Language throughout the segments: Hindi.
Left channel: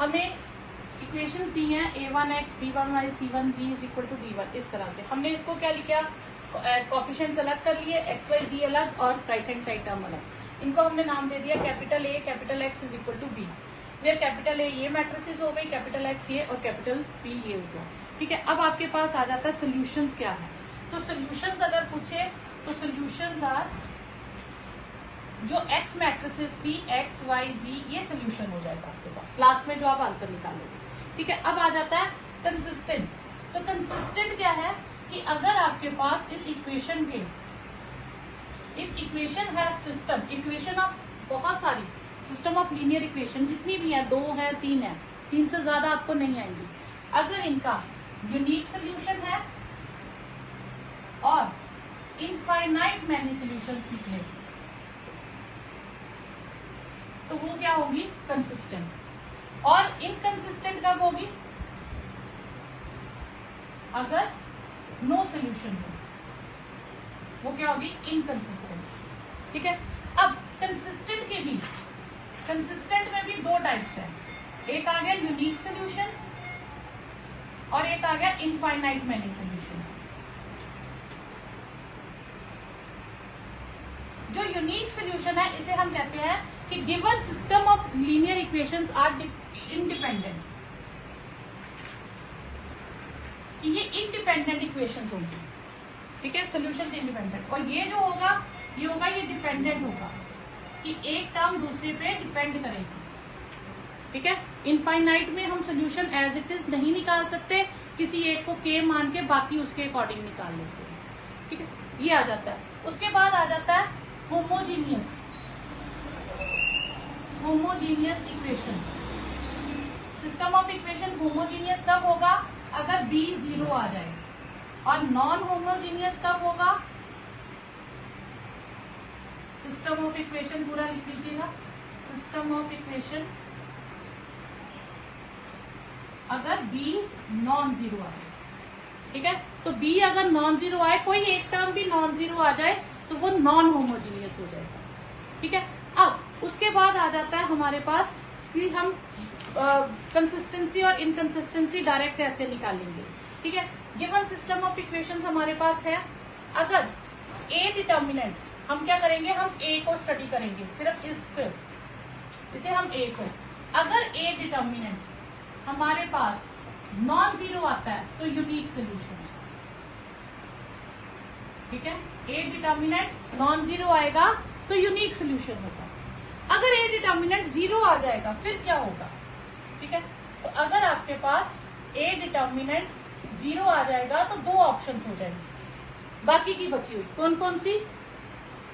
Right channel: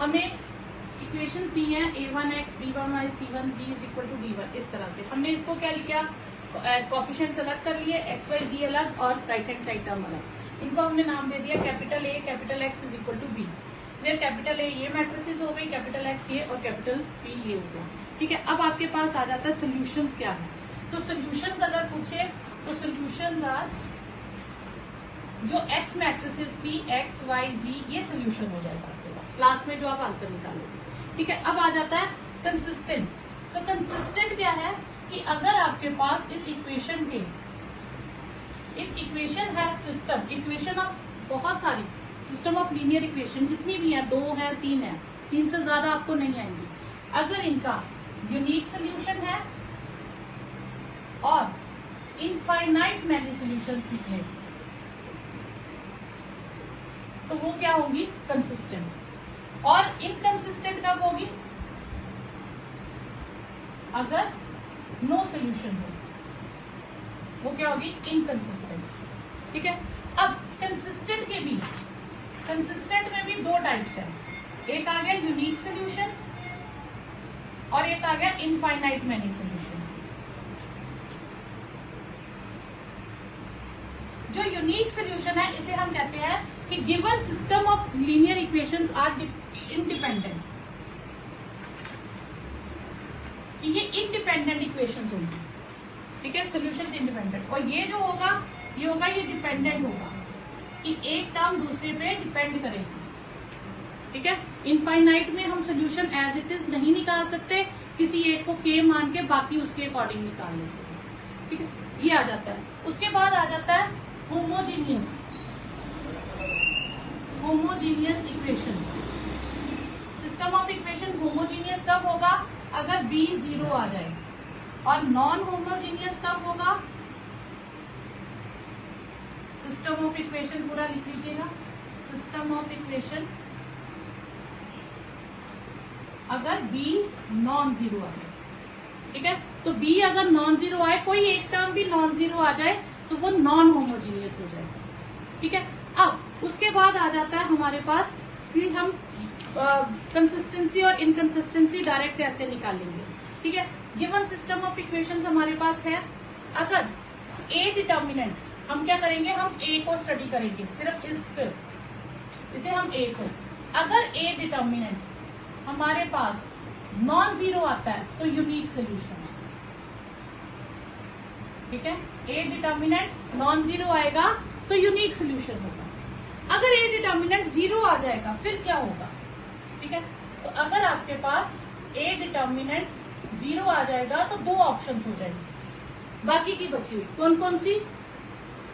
हमें इक्वेशंस दी हैं a1x b1y c1z is equal to d1। इस तरह से हमने इसको क्या लिखा, कोफिशिएंट सेलेक्ट कर लिए, एक्स वाई जी अलग और राइट हैंड साइड टर्म अलग। इनको हमने नाम दे दिया capital A capital X is equal to B. फिर कैपिटल ए ये मैट्रिसेस हो गई, कैपिटल एक्स ये और कैपिटल पी ये हो गया। ठीक है, अब आपके पास आ जाता है सोल्यूशंस क्या है। तो सोल्यूशंस अगर पूछे तो सोल्यूशंस आर जो x matrices P x y G ये सोल्यूशन हो जाएगा आपके पास लास्ट में जो आप आंसर निकालोगे। ठीक है, अब आ जाता है कंसिस्टेंट। तो कंसिस्टेंट क्या है कि अगर आपके पास इस इक्वेशन के इफ इक्वेशन है सिस्टम, इक्वेशन ऑफ बहुत सारी सिस्टम ऑफ लीनियर इक्वेशन जितनी भी है, 2 है 3 है, 3 से ज्यादा आपको नहीं आएंगी, अगर इनका यूनिक सोल्यूशन है और इनफाइनाइट मैनी सोल्यूशंस निकले तो वो क्या होगी, कंसिस्टेंट। और इनकंसिस्टेंट कब होगी, अगर नो सोल्यूशन हो, वो क्या होगी, इनकंसिस्टेंट। ठीक है, अब कंसिस्टेंट के भी, कंसिस्टेंट में भी 2 टाइप्स है, एक आ गया यूनिक सोल्यूशन और एक आ गया इनफाइनाइट मैनी सोल्यूशन। जो यूनिक सोल्यूशन है इसे हम कहते हैं कि given system of linear equations are independent, ये इंडिपेंडेंट इक्वेशंस होंगी। ठीक है, सोल्यूशन इंडिपेंडेंट। और ये जो होगा ये होगा, ये डिपेंडेंट होगा कि एक टर्म दूसरे पे डिपेंड करेगी। ठीक है, इनफाइनाइट में हम सोल्यूशन एज इट इज नहीं निकाल सकते, किसी एक को के मान के बाकी उसके अकॉर्डिंग निकाल लेते हैं। ठीक है, ये आ जाता है। उसके बाद आ जाता है homogeneous equations. System of equation homogeneous कब होगा, अगर b 0 आ जाए। और नॉन होमोजीनियस कब होगा, सिस्टम ऑफ इक्वेशन पूरा लिख लीजिएगा, सिस्टम ऑफ इक्वेशन अगर b नॉन जीरो आ जाए। ठीक है, तो b अगर नॉन जीरो आए, कोई एक टर्म भी नॉन जीरो आ जाए तो वो नॉन होमोजीनियस हो जाएगा। ठीक है, अब उसके बाद आ जाता है हमारे पास कि हम कंसिस्टेंसी और इनकंसिस्टेंसी डायरेक्ट कैसे निकालेंगे। ठीक है, गिवन सिस्टम ऑफ इक्वेशंस हमारे पास है, अगर ए डिटर्मिनेंट, हम क्या करेंगे, हम ए को स्टडी करेंगे, सिर्फ इसे हम ए को, अगर ए डिटर्मिनेंट हमारे पास नॉन जीरो आता है तो यूनिक सोल्यूशन है। ठीक है, ए डिटर्मिनेंट नॉन जीरो आएगा तो यूनिक सोल्यूशन होगा। अगर ए डिटर्मिनेंट 0 आ जाएगा फिर क्या होगा। ठीक है, तो अगर आपके पास ए डिटर्मिनेंट 0 आ जाएगा तो 2 ऑप्शंस हो जाएंगे, बाकी की बची हुई कौन कौन सी,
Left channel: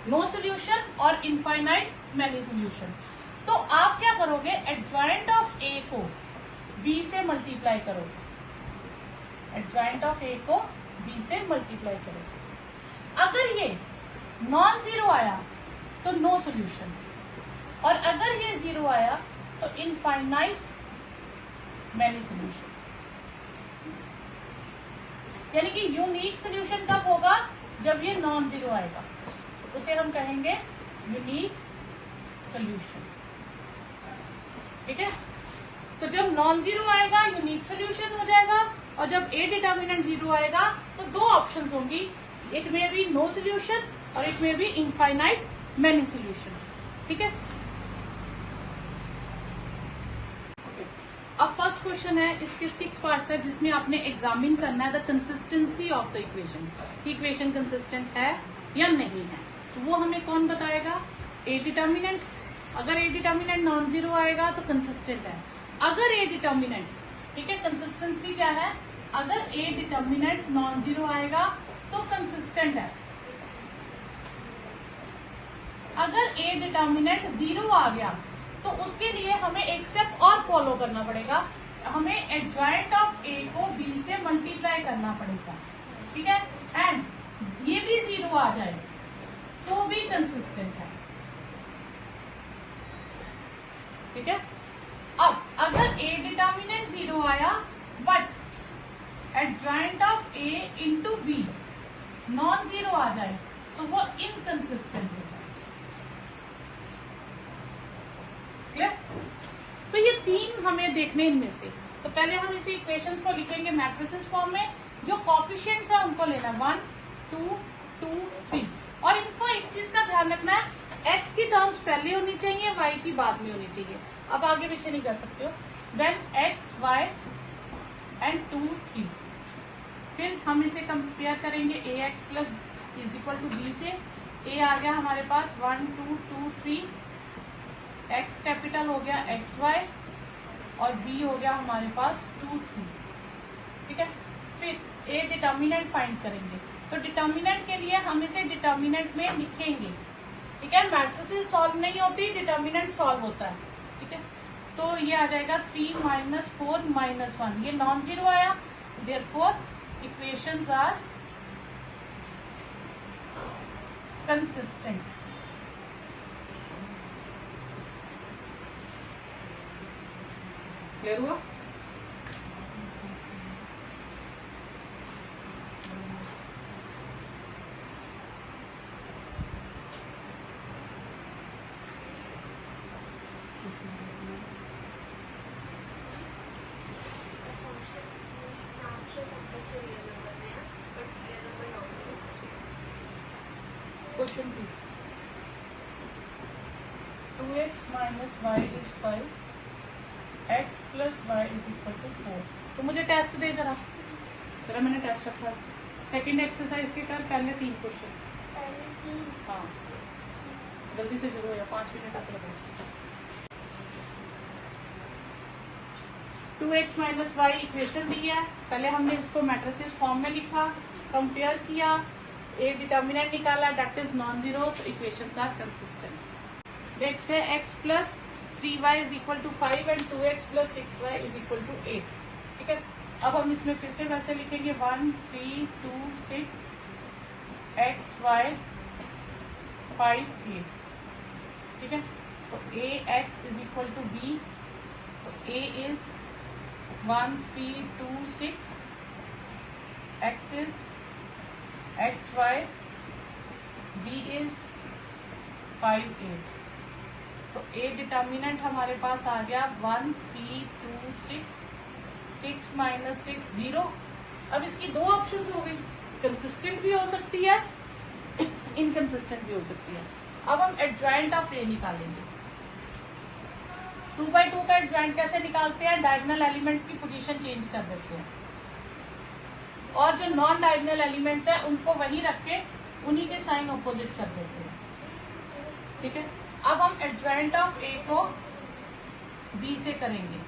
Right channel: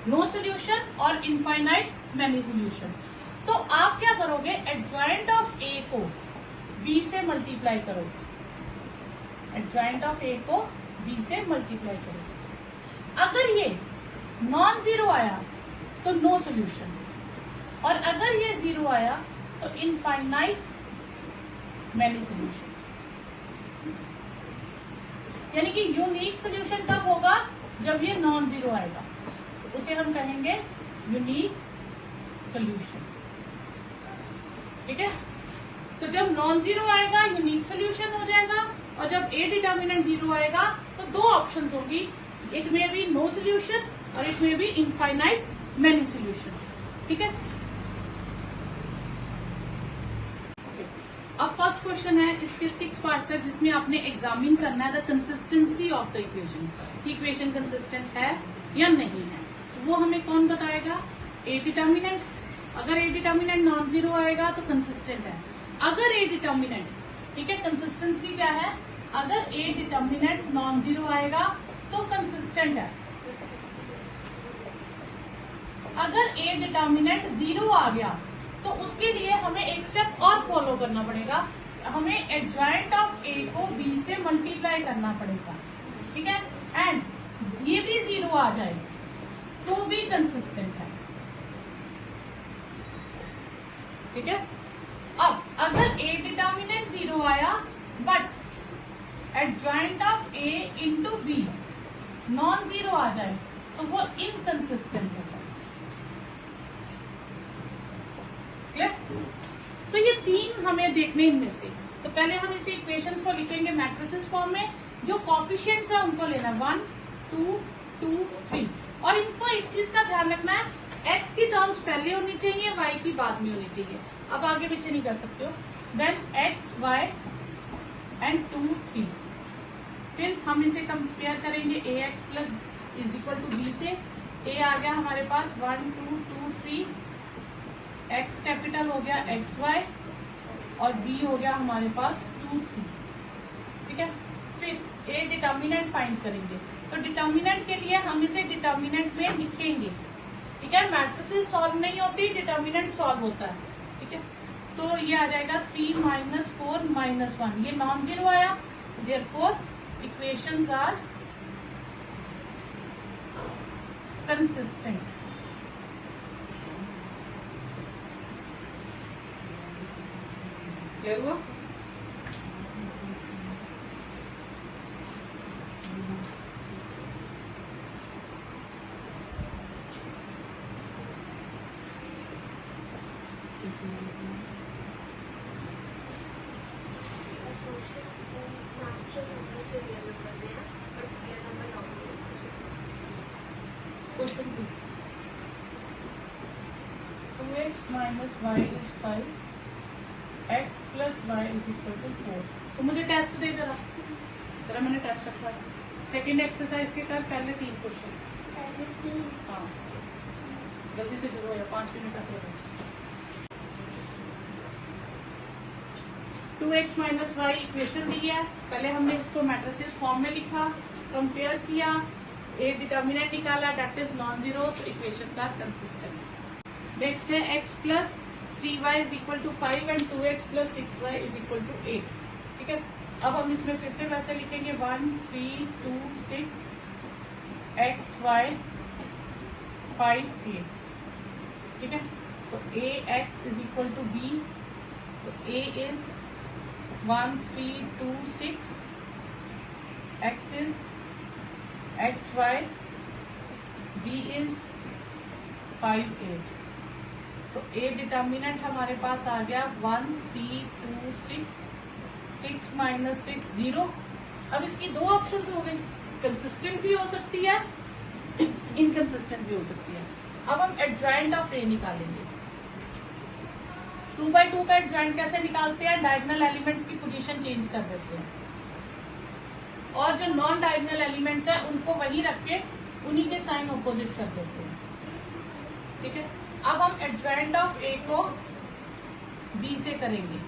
नो सोल्यूशन और इनफाइनाइट मैनी सोल्यूशन। तो आप क्या करोगे, एडजॉइंट ऑफ ए को बी से मल्टीप्लाई करोगे, एडजॉइंट ऑफ ए को बी से मल्टीप्लाई करोगे। अगर ये नॉन जीरो आया तो नो सोल्यूशन, और अगर ये 0 आया तो इनफाइनाइट मैनी सोल्यूशन। यानी कि यूनिक सोल्यूशन कब होगा, जब ये नॉन जीरो आएगा, उसे हम कहेंगे यूनिक सोल्यूशन। ठीक है, तो जब नॉन जीरो आएगा यूनिक सोल्यूशन हो जाएगा, और जब ए डिटर्मिनेंट 0 आएगा तो 2 ऑप्शंस होगी, एक में भी नो सोल्यूशन और एक में भी इनफाइनाइट मैनी सोल्यूशन। ठीक है, अब फर्स्ट क्वेश्चन है, इसके 6 पार्ट्स है जिसमें आपने एग्जामिन करना है the consistency of the equation, equation consistent है या नहीं है। तो वो हमें कौन बताएगा, ए डिटर्मिनेंट। अगर ए डिटर्मिनेंट नॉन जीरो आएगा तो कंसिस्टेंट है। अगर ए डिटर्मिनेंट, ठीक है, कंसिस्टेंसी क्या है, अगर ए डिटर्मिनेंट नॉन जीरो आएगा तो कंसिस्टेंट है। अगर ए डिटर्मिनेंट 0 आ गया तो उसके लिए हमें एक स्टेप और फॉलो करना पड़ेगा, हमें एडजॉइंट ऑफ ए को बी से मल्टीप्लाई करना पड़ेगा। ठीक है, एंड ये भी 0 आ जाए तो भी कंसिस्टेंट है। ठीक है, अब अगर ए डिटर्मिनेंट 0 आया but adjoint of A into B non zero आ जाए तो वो इनकंसिस्टेंट होगा। तो ये तीन हमें देखने इनमें से। तो पहले हम इसे इक्वेशंस को लिखेंगे मैट्रिसेस फॉर्म में। जो कॉफिशिएंट्स है उनको लेना 1 2 2 3, और इनको एक चीज का ध्यान रखना है, x की टर्म्स पहले होनी चाहिए, y की बाद में होनी चाहिए। अब आगे पीछे नहीं कर सकते हो। Then x y and 2 3। फिर हम इसे कंपेयर करेंगे ax plus is equal to b से। a आ गया हमारे पास 1 2 2 3, x कैपिटल हो गया एक्स वाई, और b हो गया हमारे पास 2 3। ठीक है, फिर a डिटर्मिनेंट फाइंड करेंगे। तो डिटर्मिनेंट के लिए हम इसे डिटर्मिनेंट में लिखेंगे। ठीक है, मैट्रिसेस सॉल्व नहीं होती, डिटर्मिनेंट सॉल्व होता है। ठीक है, तो ये आ जाएगा 3 माइनस 4 माइनस 1, ये नॉन जीरो आया, therefore equations are consistent. Clear हुआ? Question 2. 2x minus y is 5, x plus y is equal to 4। तो मुझे टेस्ट दे जरा, मैंने टेस्ट रखा है। सेकेंड एक्सरसाइज के कर, पहले 3 क्वेश्चन। हाँ, जल्दी से शुरू हो, 5 मिनट का। 2x माइनस वाई इक्वेशन दी है, पहले हमने इसको मैट्रिसेस फॉर्म में लिखा, कंपेयर किया, एक डिटर्मिनेंट निकाला, that is non zero, equations are consistent. Next है x plus 3y is equal to 5 and 2x plus 6y is equal to 8। ठीक है, अब हम इसमें फिर से वैसे लिखेंगे 1 3 2 6 x y 5 8। ठीक है, तो ax is equal to b, तो a is 1 3 2 6, x is x y, b is 5 8। तो a डिटर्मिनेंट हमारे पास आ गया 1 3 2 6, 6 माइनस 6 0। अब इसकी दो ऑप्शन हो गए, कंसिस्टेंट भी हो सकती है, इनकंसिस्टेंट भी हो सकती है। अब हम एडजॉइंट ऑफ a निकालेंगे। 2/2 का एडजॉइंट कैसे निकालते हैं? डायगोनल एलिमेंट्स की पोजीशन चेंज कर देते हैं, और जो नॉन डायगोनल एलिमेंट्स है उनको वही रख के उन्हीं के साइन ऑपोजिट कर देते हैं। ठीक है, अब हम एडजॉइंट ऑफ a को b से करेंगे।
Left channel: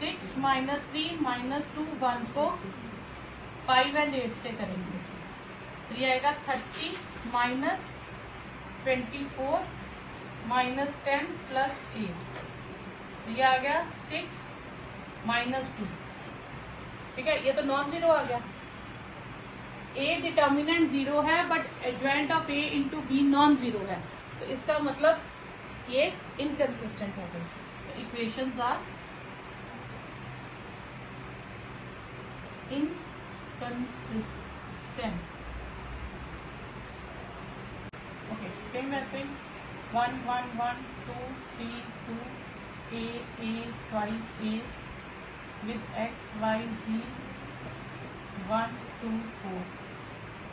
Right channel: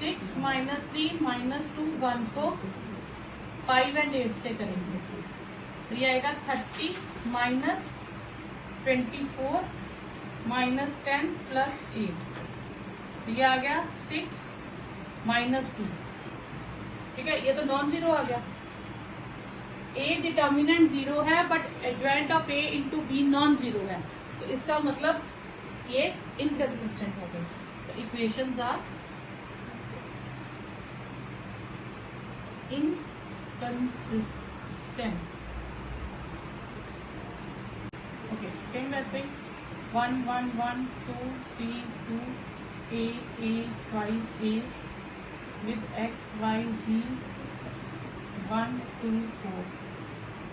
6 माइनस 3 माइनस 2 1 को 5 एंड 8 से करेंगे, तो ये आएगा 30 माइनस 24 माइनस 10 प्लस 8, ये आ गया 6 माइनस 2। ठीक है, ये तो नॉन जीरो आ गया। a डिटर्मिनेंट जीरो है, but adjoint of a into B non zero है, तो इसका मतलब ये इनकंसिस्टेंट हो गए। तो equations are inconsistent. Okay, same वैसे 1 1 1 2 3 2 a twice a with x y z 1 2 4।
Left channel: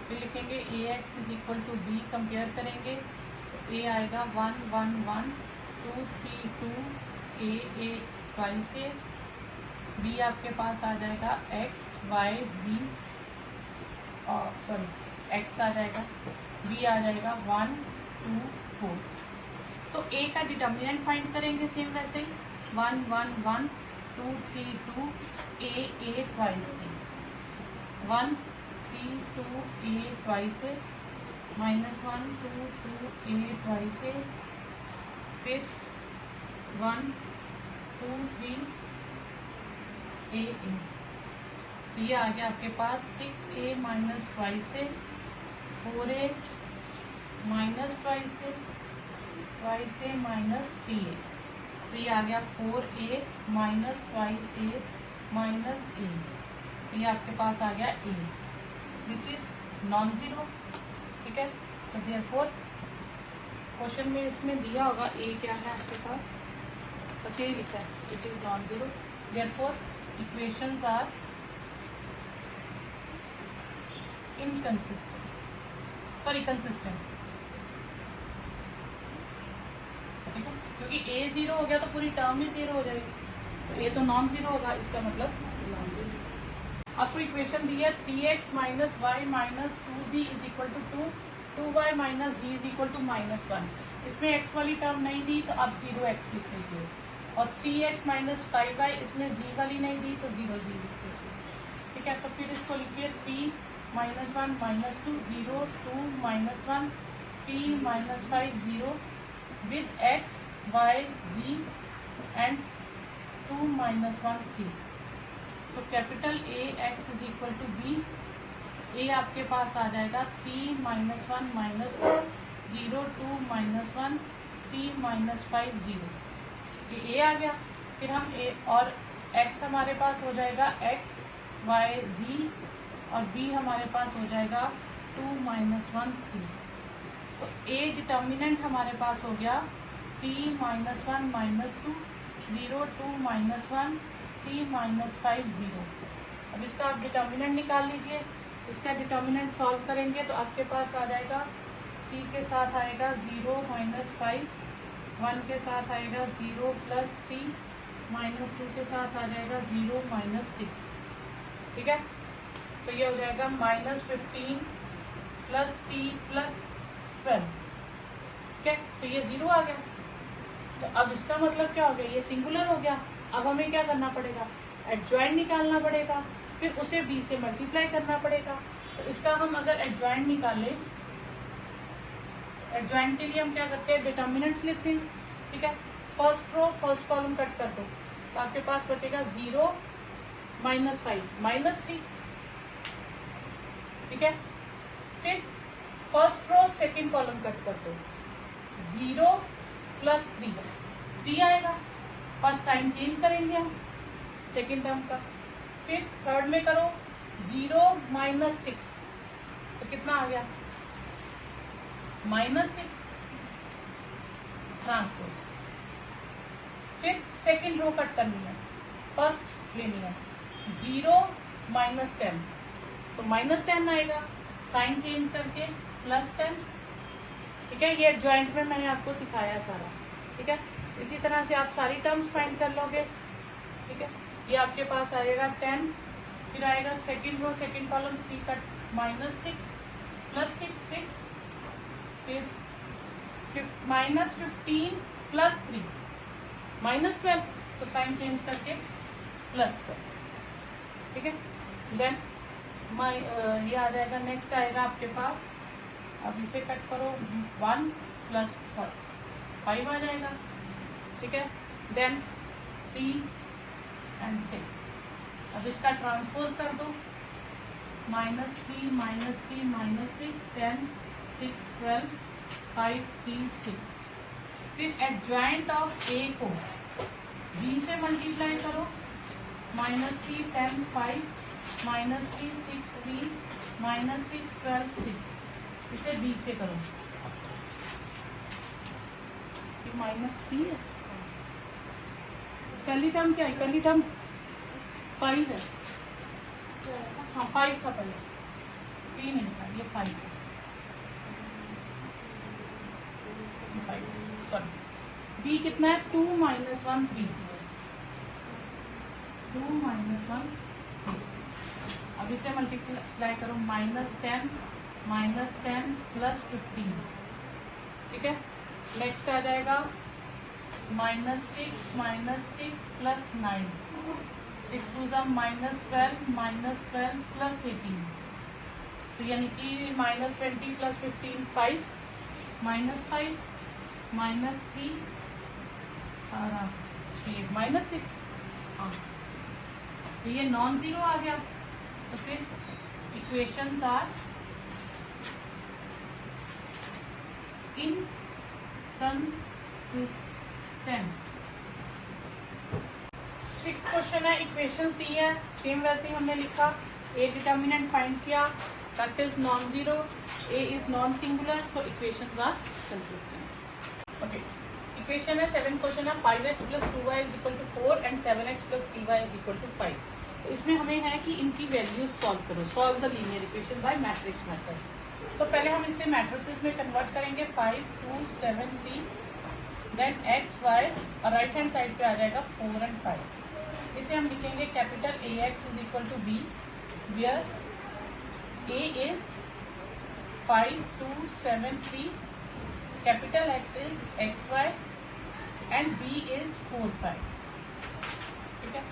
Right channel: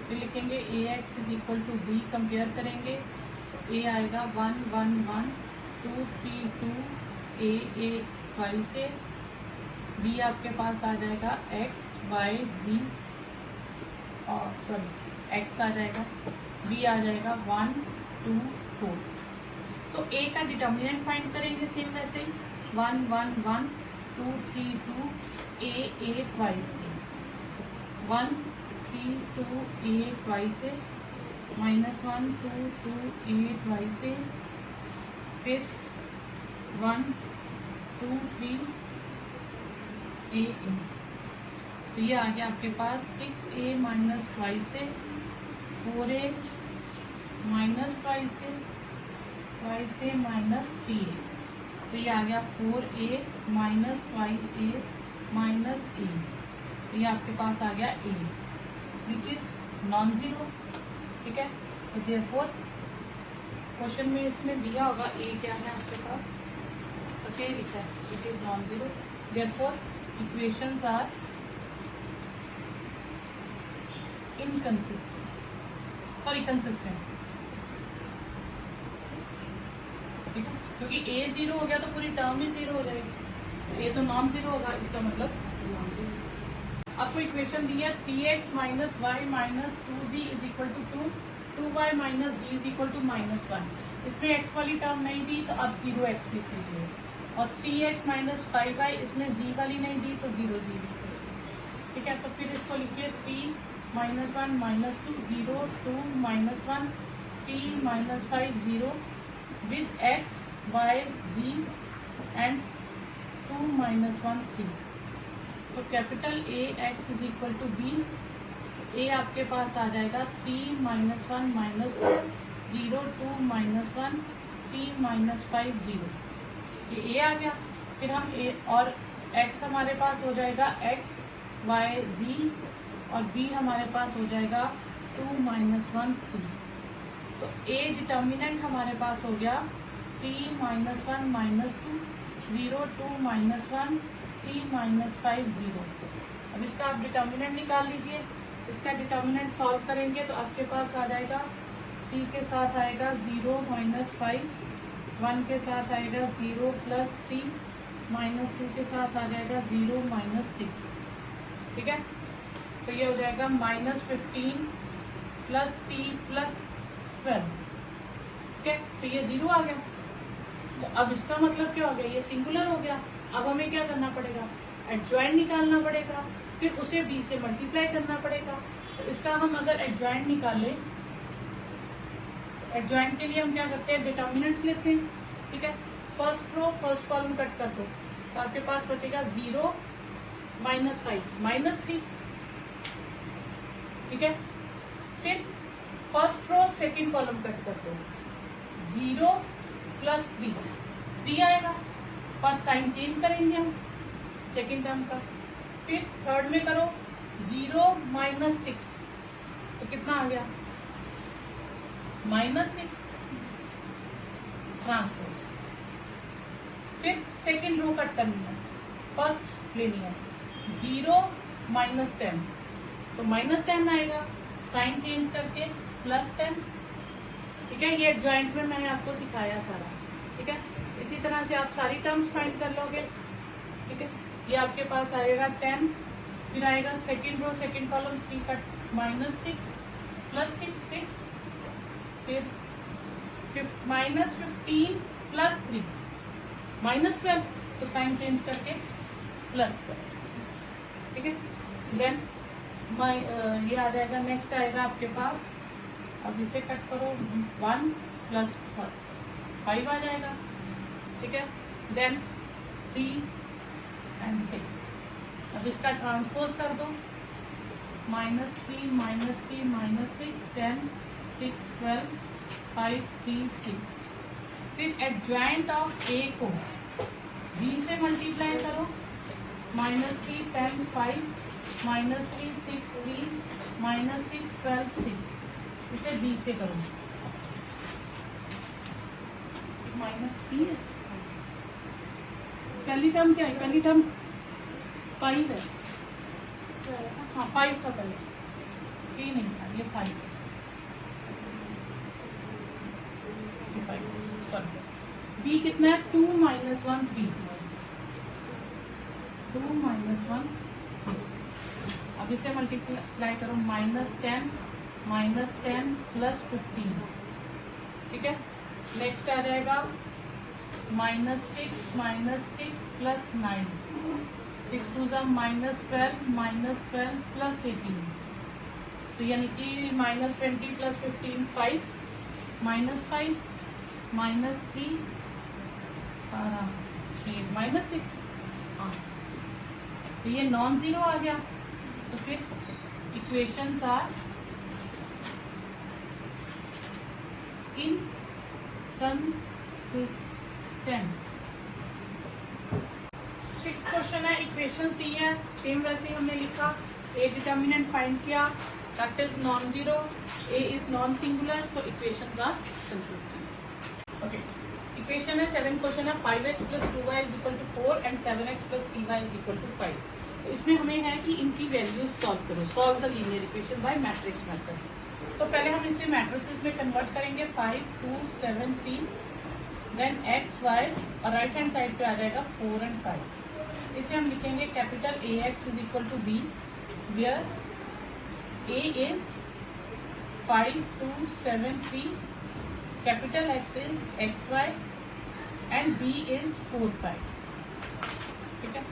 ये लिखेंगे ax is equal to b, compare करेंगे तो a आएगा 1 1 1 2 3 2 a twice a, b आपके पास आ जाएगा x y z, और सॉरी x आ जाएगा, b आ जाएगा 1 2 4। तो a का डिटर्मिनेंट फाइंड करेंगे सेम वैसे 1 1 1 2 3 2 a twice a, 1 3 2 a twice a, minus 1 2 2 a twice a, फिर 1 2 3 a। ये आ गया आपके पास 6a minus twice a, 4a minus twice a, twice a minus 3a, तो ये आ गया 4a minus twice a minus a, ये आपके पास आ गया a which is non zero. ठीक है, तो देयरफॉर क्वेश्चन में इसमें दिया होगा a क्या है आपके पास नीचे ही लिखा है it is non zero, therefore equations are inconsistent, sorry consistent, ठीक है, क्योंकि ए जीरो हो गया तो पूरी टर्म भी जीरो हो जाएगी, ए तो नॉन जीरो होगा, इसका मतलब नॉन जीरो। आपको इक्वेशन दी है 3x minus Y minus 2z is equal to 2y minus z is equal to -1। इसमें x वाली टर्म नहीं दी तो अब 0x लिख लीजिए, और 3x माइनस 5y इसमें z वाली नहीं दी तो 0 z लिख लीजिए, ठीक है। तो फिर इसको लिखिए 3 -1 -2 0 2 -1 3 -5 0 with x y z and 2 -1 3। तो capital A x is equal to B, A आपके पास आ जाएगा 3 -1 -2 0 2 -1 3 -5 0, ये a आ गया। फिर हम a और x हमारे पास हो जाएगा x y z और b हमारे पास हो जाएगा 2 -1 3। तो a डिटर्मिनेंट हमारे पास हो गया 3 -1 -2 0 2 -1 3 -5 0। अब इसका आप डिटर्मिनेंट निकाल लीजिए, इसका डिटर्मिनेंट सॉल्व करेंगे तो आपके पास आ जाएगा 3 के साथ आएगा 0 -5, 1 के साथ आएगा 0 + 3, -2 के साथ आ जाएगा 0 -6, ठीक है। तो ये हो जाएगा -15 + 3 + 12, ठीक है। तो ये 0 आ गया। तो अब इसका मतलब क्या हो गया, ये सिंगुलर हो गया। अब हमें क्या करना पड़ेगा, एडजॉइंट निकालना पड़ेगा, फिर उसे b से मल्टीप्लाई करना पड़ेगा। तो इसका हम अगर एडजॉइंट निकालें, एडजॉइंट के लिए हम क्या करते हैं, डिटर्मिनेंट्स लेते हैं, ठीक है। First row first column cut कर दो तो आपके पास बचेगा 0 -5 -3, ठीक है। फिर first row second column cut कर दो, 0 + 3 आएगा, पर साइन चेंज करेंगे हम सेकंड टर्म का। फिर थर्ड में करो 0 -6, तो कितना आ गया -6 ट्रांसपोज। फिर सेकंड रो कट करनी है, फर्स्ट लेनी है 0 -10, तो -10 आएगा, साइन चेंज करके +10, ठीक है। ये जॉइंट में मैंने आपको सिखाया सारा, ठीक है। इसी तरह से आप सारी टर्म्स फाइंड कर लोगे, ठीक है। ये आपके पास आएगा 10, फिर आएगा सेकंड रो सेकंड कॉलम 3 का -6 + 6 6, फिर -15 + 3 -12, तो साइन चेंज करके +12, ठीक है। देन ये आ जाएगा, नेक्स्ट आएगा आपके पास, अब इसे कट करो 1 + 5 आ जाएगा, ठीक है। देन 3 and 6, अब इसका ट्रांसपोज कर दो, -3 -3 -6 10 6 12 5 3 6। फिर एडजॉइंट ऑफ ए को b से मल्टीप्लाई करो, -3 10 5 -3 6 3 -6 12 6, इसे b से करो, -3 है, पहली टर्म क्या है, पहली टर्म 5 है, हाँ 5 का पहले 3 नहीं था, ये 5 है, 5 सॉरी। b कितना है 2 -1 3, 2 -1 3। अब इसे मल्टीप्लाई करो, -10 -10 + 15, ठीक है। नेक्स्ट आ जाएगा -6 -6 + 9, 6 2 -12 -12 + 18, तो यानी कि -20 + 15 5 -5 -3 6 -6, हाँ, तो ये नॉन जीरो आ गया। तो फिर equations are inconsistent. 6th question है, इक्वेशंस दी है, सेम वैसे हमने लिखा, ए डिटर्मिनेंट फाइंड किया, that is non zero, A is non singular, तो equations are consistent. Okay, equation है 7 क्वेश्चन है 5x plus 2y is equal to 4 and 7x plus 3y is equal to 5। तो इसमें हमें है कि इनकी वैल्यूज सॉल्व करो, solve the linear equation by matrix method. तो पहले हम इसे मैट्रिसेस में कन्वर्ट करेंगे 5 2 7 3, देन एक्स वाई और राइट हैंड साइड पे आ जाएगा 4 एंड 5। इसे हम लिखेंगे capital A X is equal to B, where A is 5 2 7 3, capital X is X Y and B is 4 5। ठीक है,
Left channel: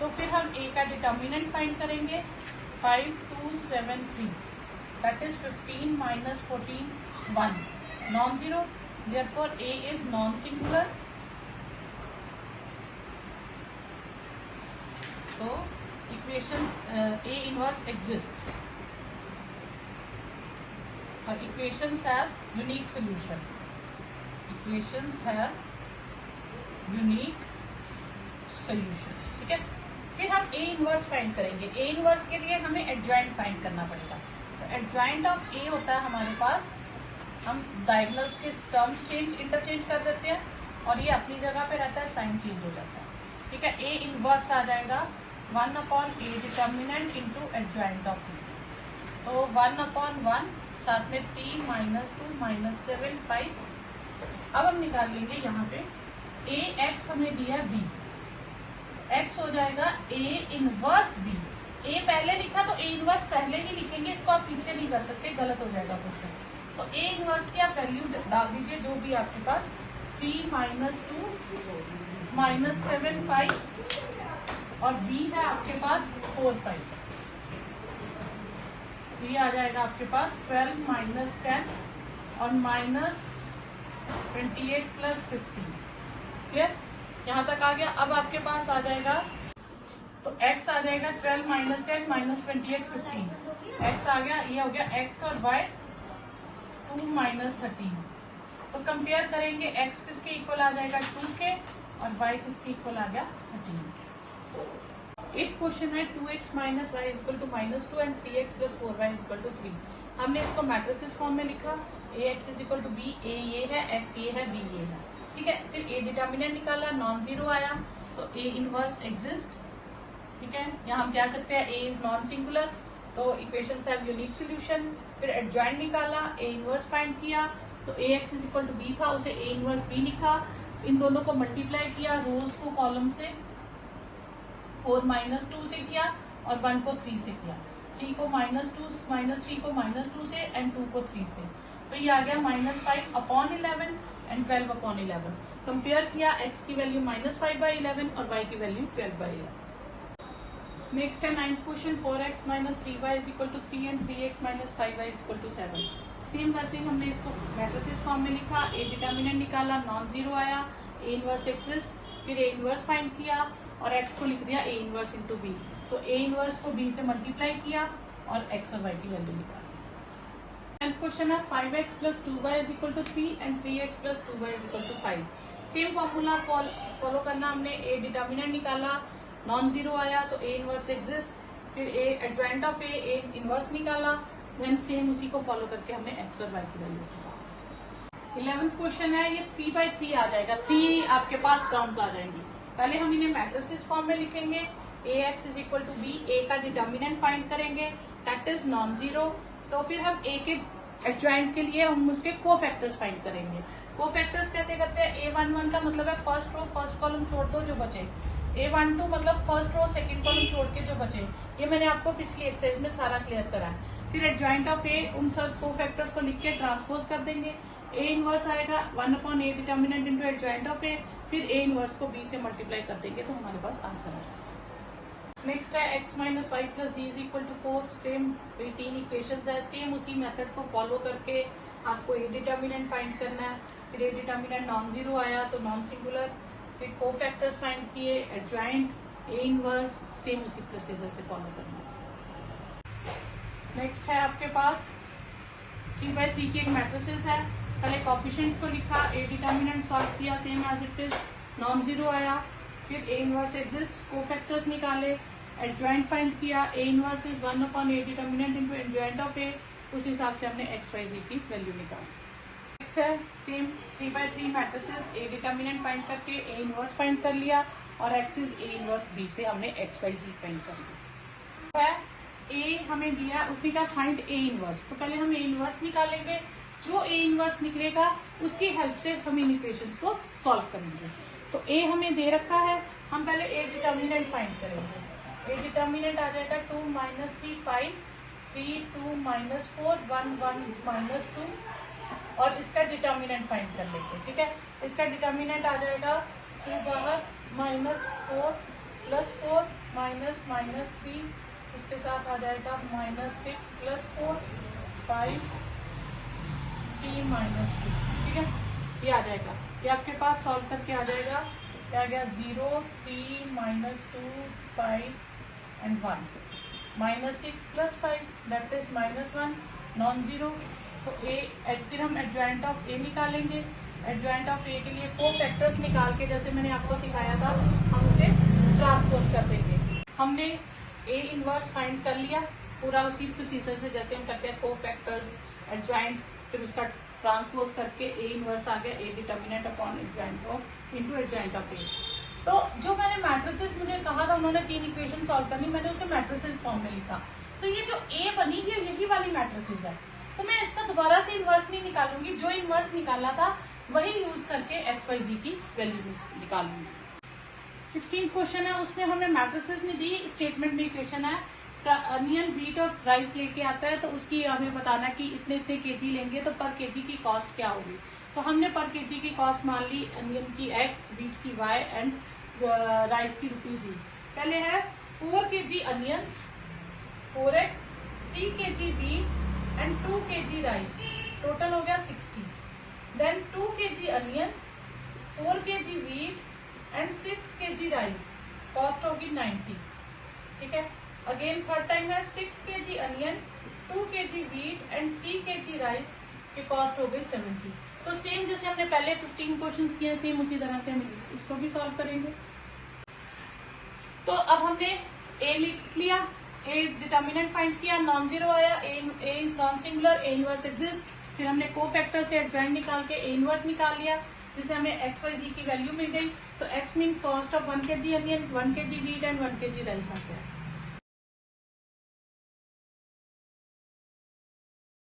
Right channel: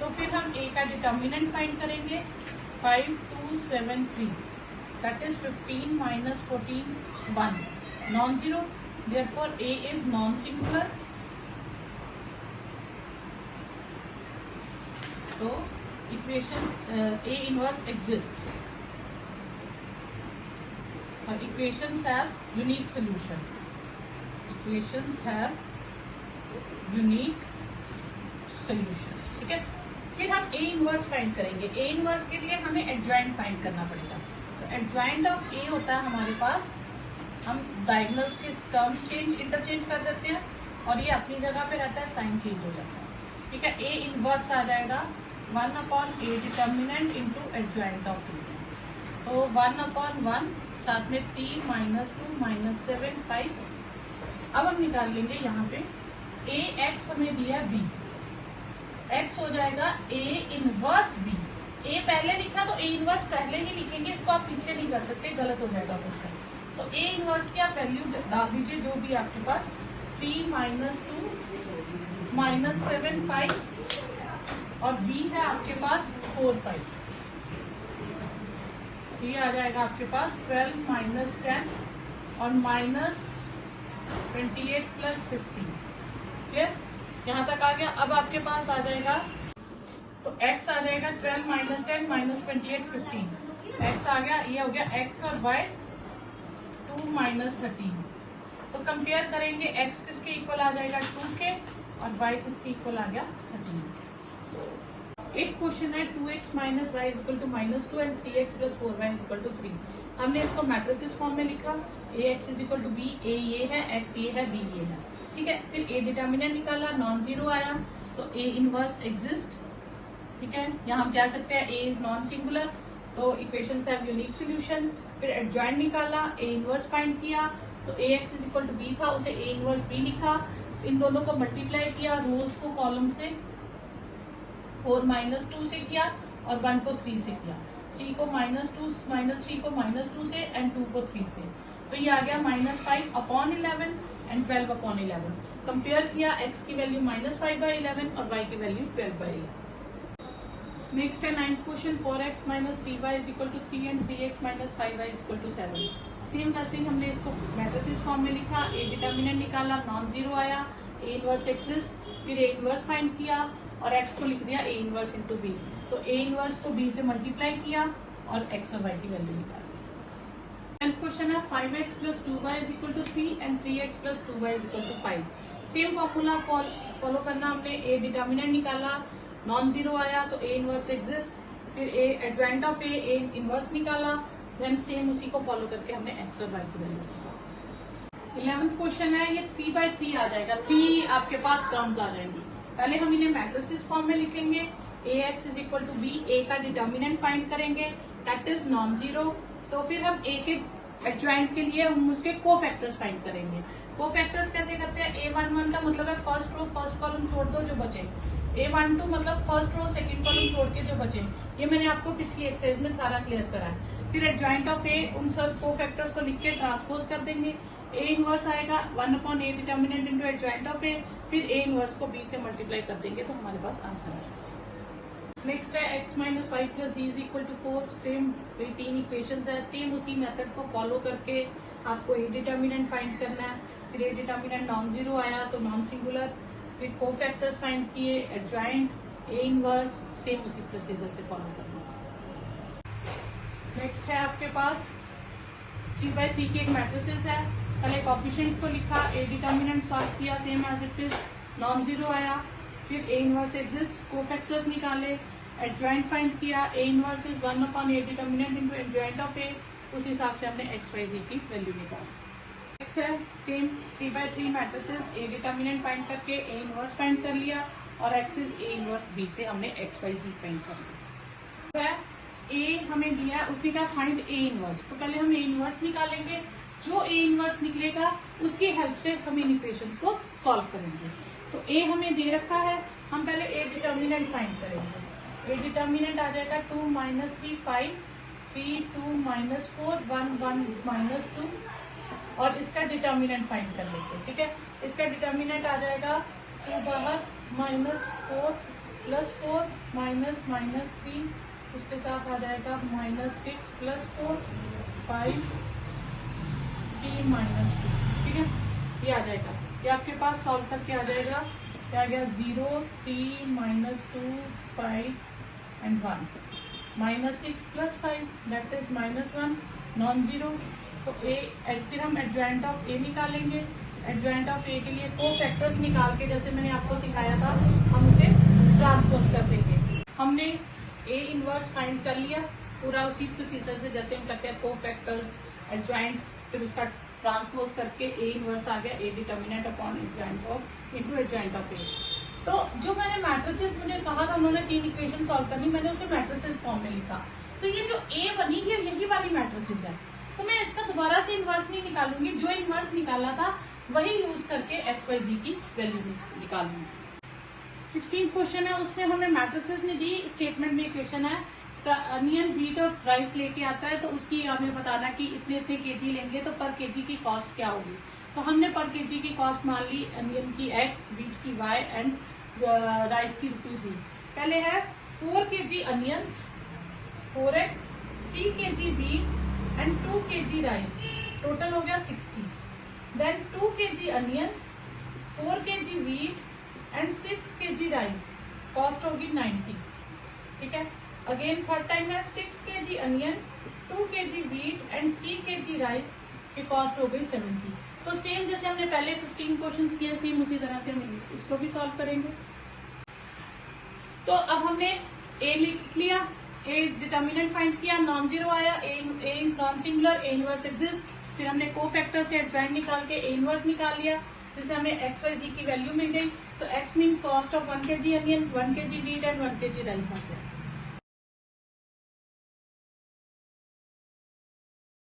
तो फिर हम ए का डिटर्मिनेंट फाइंड करेंगे 5 2 7 3, that is 15 minus 14 1, non-zero, therefore a is non-singular। so equations a inverse exist, equations have unique solution, equations have unique solution। ठीक है, फिर हम a इनवर्स फाइंड करेंगे। a इनवर्स के लिए हमें एडजॉइंट फाइंड करना पड़ेगा। एडजॉइंट ऑफ ए होता है हमारे पास, हम डायगोनल्स के टर्म्स इंटरचेंज कर देते हैं और ये अपनी जगह पे रहता है, साइन चेंज हो जाता है। ठीक है, ए इनवर्स आ जाएगा 1/a determinant into adjoint of A. तो 1/1 साथ में 3 -2 -7 5। अब हम निकाल लेंगे यहाँ पे ए एक्स हमें दिया बी, एक्स हो जाएगा ए इनवर्स बी। ए पहले लिखा तो ए इनवर्स पहले ही लिखेंगे, इसको आप पीछे नहीं कर सकते, गलत हो जाएगा क्वेश्चन। तो ए इनवर्स की आप वैल्यू डाल दीजिए जो भी आपके पास, 3 -2 -7 5 और बी है आपके पास 4 5। बी आ जाएगा आपके पास 12 -10 और -28 + 15। क्लियर, यहाँ तक आ गया। अब आपके पास आ जाएगा, तो x आ जाएगा 12 -10 -28 15, x आ गया, ये हो गया x और y 2 -13। तो कंपेयर करेंगे, x किसके इक्वल आ जाएगा 2 के और y किसके इक्वल आ गया 13। एक क्वेश्चन है 2x - y = -2 and 3x + 4y = 3। हमने इसको मैट्रिसेस फॉर्म में लिखा, ax = b, a ये है, x ये है, b ये है। ठीक है, फिर a डिटर्मिनेंट निकाला, नॉन जीरो आया, तो a इनवर्स एग्जिस्ट। ठीक है, यहाँ हम कह सकते हैं a इज नॉन सिंगुलर, तो इक्वेशंस हैव यूनिक सॉल्यूशन। फिर एडजॉइंट निकाला, a इनवर्स फाइंड किया, तो ax = b था, उसे a इनवर्स b लिखा, इन दोनों को मल्टीप्लाई किया, रोज को कॉलम से 4 -2 से किया और 1 को 3 से किया, 3 को -3 को -2 से एंड 2 को 3 से। तो ये आ गया -5/11 एंड 12/11। कंपेयर किया, x की वैल्यू -5/11 और y की वैल्यू 12/11। नेक्स्ट है 9th question, 4x - 3y = 3 and 3x - 5y = 7। Same वैसे ही हमने इसको मैट्रिसेस फॉर्म में लिखा, ए डिटर्मिनेंट निकाला, नॉन जीरो आया, ए इनवर्स एग्जिस्ट, फिर ए इनवर्स फाइंड किया और x को लिख दिया ए इनवर्स इंटू बी। तो ए इनवर्स को b से मल्टीप्लाई किया और x और y की वैल्यू निकाली। एंड क्वेश्चन है 5x + 2y = 3 and 3x + 2y = 5। Same formula follow करना, हमने ए डिटर्मिनेंट निकाला, नॉन जीरो आया तो ए इनवर्स एग्जिस्ट, फिर ए एडजॉइंट ऑफ ए इनवर्स निकाला, देन सेम उसी को फॉलो करके हमने एक्स और वाई की वैल्यू निकाला। 11th क्वेश्चन है, ये 3/3 आ जाएगा, 3 आपके पास टर्म्स आ जाएंगी। पहले हम इन्हें मैट्रिसेस फॉर्म में लिखेंगे, ax = b, a का डिटर्मिनेंट फाइंड करेंगे, दैट इज नॉन जीरो। तो फिर हम a के एडजॉइंट के लिए हम उसके कोफैक्टर्स फाइंड करेंगे। कोफैक्टर्स कैसे करते हैं, a11 का मतलब है फर्स्ट रो फर्स्ट कॉलम छोड़ दो जो बचे, a12 मतलब फर्स्ट रो सेकंड कॉलम छोड़ के जो बचे। ये मैंने आपको पिछली एक्सरसाइज में सारा क्लियर करा है। फिर एडजॉइंट ऑफ ए, उन सब कोफैक्टर्स को लिख के ट्रांसपोज कर देंगे, ए इनवर्स आएगा 1/a determinant into adjoint of A, फिर ए इनवर्स को b से मल्टीप्लाई कर देंगे तो हमारे पास आंसर आएगा। नेक्स्ट है x - y + z = 4। Same 18 equations है, सेम उसी मेथड को फॉलो करके आपको ए डिटर्मिनेंट फाइंड करना है। फिर ए डिटर्मिनेंट नॉन जीरो आया तो नॉन सिंगुलर, फिर कोफैक्टर्स फाइंड किए, एडजॉइंट, ए इनवर्स, सेम उसी प्रोसीजर से फॉलो करना है। नेक्स्ट है आपके पास 3/3 के एक मैट्रिसेस है, पहले कोफिशिएंट्स को लिखा, ए डिटर्मिनेंट सॉल्व किया, same as it is, non zero आया, फिर ए इनवर्स एग्जिस्ट, कोफैक्टर्स निकाले, एडजॉइंट फाइंड किया, A inverse is 1/a determinant into adjoint of A, उस हिसाब से हमने x y z की वैल्यू निकाली। नेक्स्ट है same 3x3 matrices, A determinant find करके ए इनवर्स फाइंड कर लिया और एक्सिस ए इनवर्स बी से हमने एक्स वाई जी फाइंड कर लिया है। ए हमें दिया, उसने कहा फाइंड ए इनवर्स, तो पहले हम ए इनवर्स निकालेंगे। जो ए इनवर्स निकलेगा उसकी हेल्प से हम इन इक्वेशंस को सॉल्व करेंगे। तो ए हमें दे रखा है, हम पहले ए डिटर्मिनेंट फाइंड करेंगे। ए डिटर्मिनेंट आ जाएगा 2 - 3 5 3 2 - 4 1 1 -2 और इसका डिटर्मिनेंट फाइंड कर लेते हैं। ठीक है, इसका डिटर्मिनेंट आ जाएगा 2 बाहर -4 +4 -3, उसके साथ आ जाएगा -6 +4 5 3 -2। ठीक है, ये आ जाएगा, ये आपके पास सॉल्व करके आ जाएगा। क्या आ गया 0 3 -2 5 and 1 -6 + 5 that is -1 non zero. तो ए फिर हम एडजॉइंट ऑफ ए निकालेंगे। एडजॉइंट ऑफ ए के लिए को फैक्टर्स निकाल के जैसे मैंने आपको सिखाया था हम उसे ट्रांसपोज कर देंगे। हमने ए इनवर्स फाइंड कर लिया पूरा उसी प्रोसीजर से जैसे हम करते हैं, को फैक्टर्स एडजॉइंट, फिर उसका ट्रांसपोज करके ए इनवर्स आ गया, A determinant upon adjoint of into adjoint of A. तो जो मैंने मैट्रिसेस मुझे कहा था उन्होंने 3 इक्वेशन सॉल्व करनी, मैंने उसे मैट्रिसेस फॉर्म में लिखा। तो ये जो ए बनी है यही वाली मैट्रिसेस है, तो मैं इसका दोबारा से इनवर्स नहीं निकालूंगी, जो इनवर्स निकाला था वही यूज करके एक्स वाई जी की वैल्यू निकालूंगी। 16 क्वेश्चन है, उसमें हमें मैट्रिसेस में दी, स्टेटमेंट में इक्वेशन है। अनियन बीट और राइस लेके आता है तो उसकी हमें बताना कि इतने इतने केजी लेंगे तो पर केजी की कॉस्ट क्या होगी। तो हमने पर केजी की कॉस्ट मान ली, अनियन की एक्स, बीट की वाई एंड राइस की ₹z। पहले है 4 kg onions 4x, 3 kg beet and 2 kg rice, total हो गया 60। Then 2 kg onions, 4 kg beet and 6 kg rice, cost होगी 90। ठीक है, अगेन थर्ड टाइम है 6 kg onion, 2 kg beet and 3 kg rice की कॉस्ट हो गई 70। तो सेम जैसे हमने पहले 15 क्वेश्चंस किए सेम उसी तरह से हम इसको भी सॉल्व करेंगे। तो अब हमने ए लिख लिया, ए डिटर्मिनेंट फाइंड किया, नॉन जीरो आया, A is non singular, A inverse exist. फिर हमने को फैक्टर से एडजॉइंट निकाल के ए इनवर्स निकाल लिया, जिससे हमें एक्स वाई जी की वैल्यू मिल गई। तो x mean cost of 1 kg onion, 1 kg beet and 1 kg rice आ गया।